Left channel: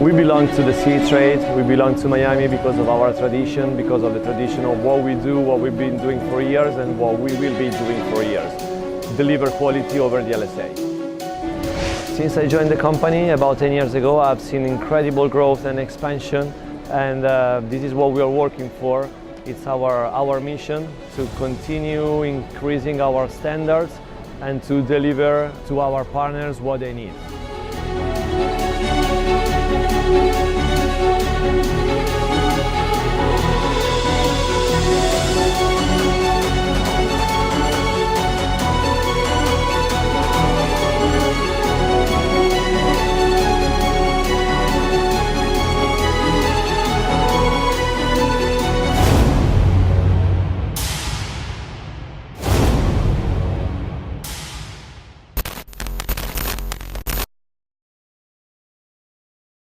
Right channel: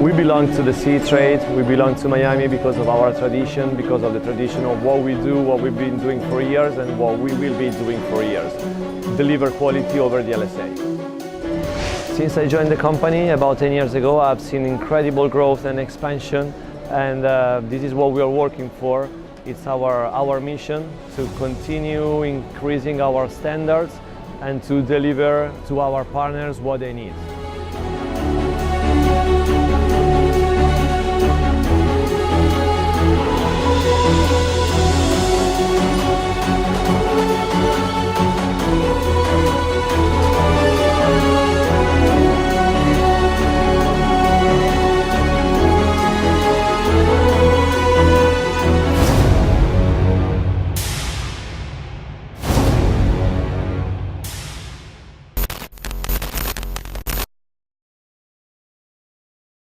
We belong to the Seatrade, we belong to Miami because of our tradition, because of the tradition of what we do, what we've been doing for years and what we will be doing for years. Deliver quality over the LSA. Since I joined the company about 10 years ago, I've seen incredible growth and expansion, and this is what we are working for. It's our mission to continue increasing our standards and to deliver to our partners what they need.